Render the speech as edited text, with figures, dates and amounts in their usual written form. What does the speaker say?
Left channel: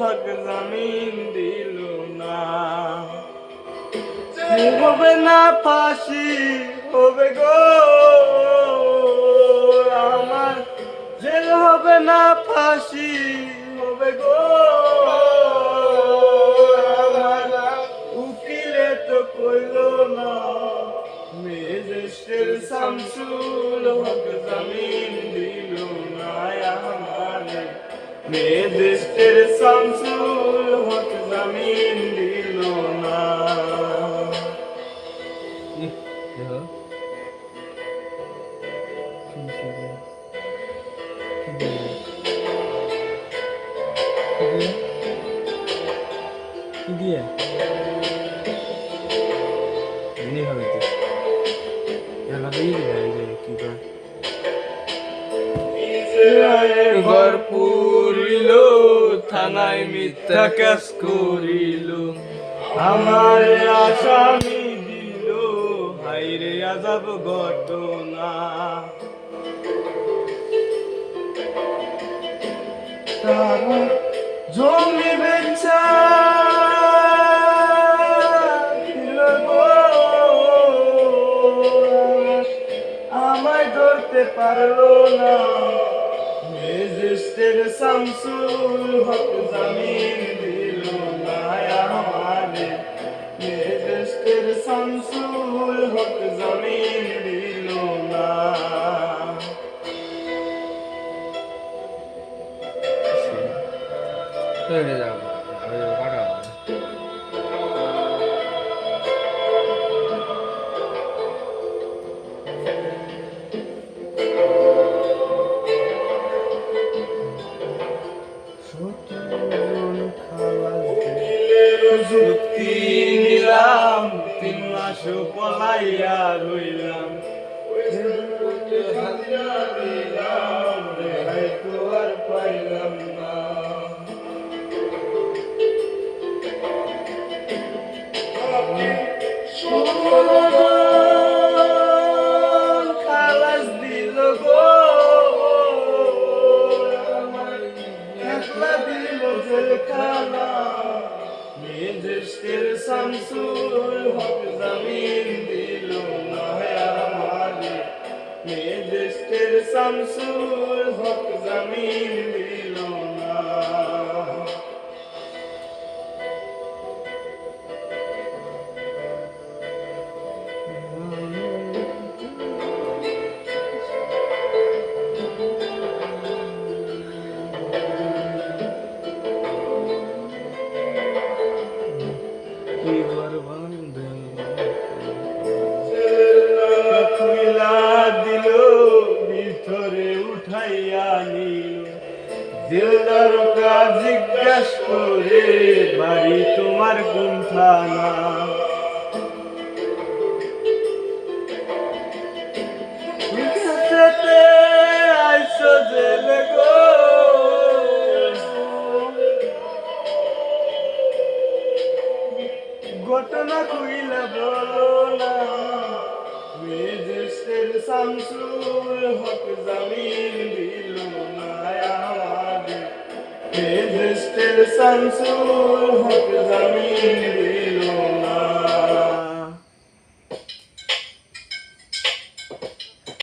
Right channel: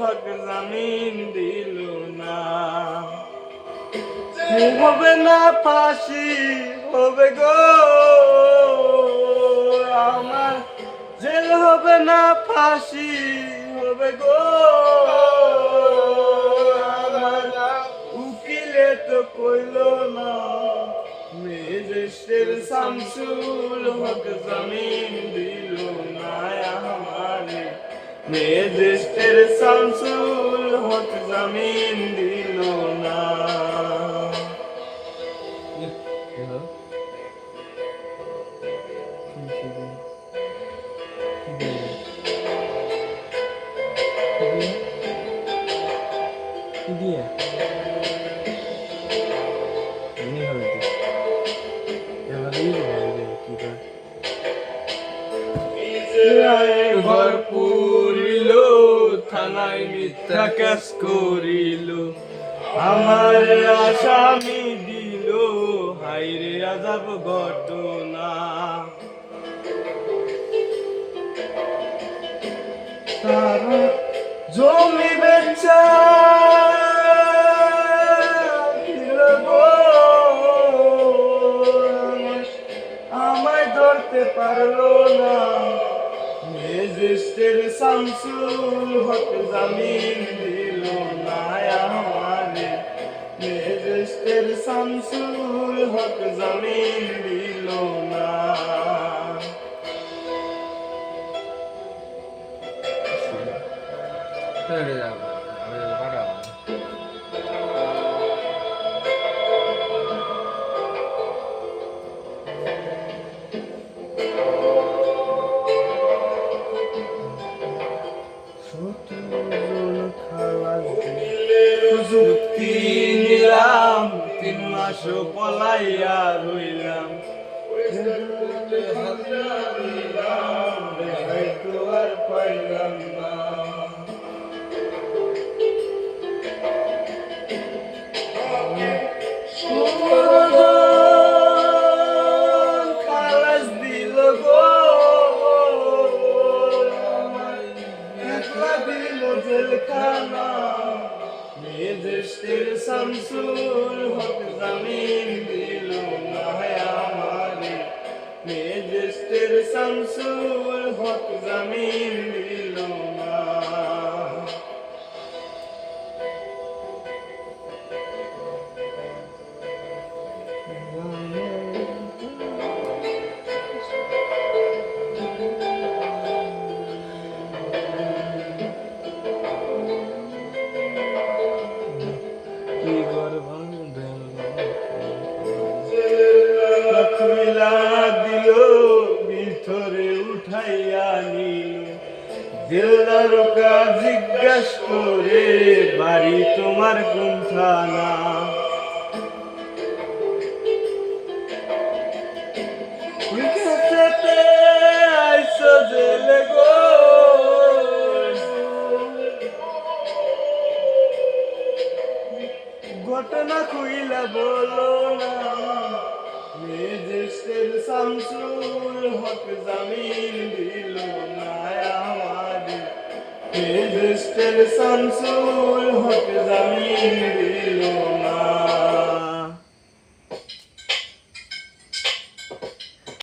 হক জামিন দিল না। হবে না ফাঁসি হবে গো আমার, জেল হবে না ফাঁসি হবে গো আমার, উকিলে তো কইল না মেজেস্টের শামসুল হক জামিন দিল না আমারে, মেজেস্টের শামসুল হক জামিন দিল না। ঘর পুরিল থানায় মিথ্যা কেস করিল, আমার আসামি দিল হাইরে আজাব ঘটনা। তারা জমি বেচা দিল গো আমায় ধরতে পারলো না, মেজেস্টের শামসুল হক জামিন দিল না আমারে, মেজেস্টের শামসুল হক জামিন দিল না। যুক্তি নিলাম 3 মাস পলাইয়া রইলাম, তো আর পাইলাম না। খালাস দিল গো একলা দিল জেলখানা, মেজেস্টের শামসুল হক জামিন দিল না আমারে, মেজেস্টের শামসুল হক জামিন দিল না। খুইলা দিল ভিতরে উঠাইয়া নিল, দিলদারকা জিজ্ঞাস করে বাড়ি তোমার কোন থানা, আইসো জেলে গো ঘটনা খুইলা বলো না, মেজেস্টের শামসুল হক জামিন দিল না আমারে, মেজেস্টের শামসুল হক জামিন দিল না।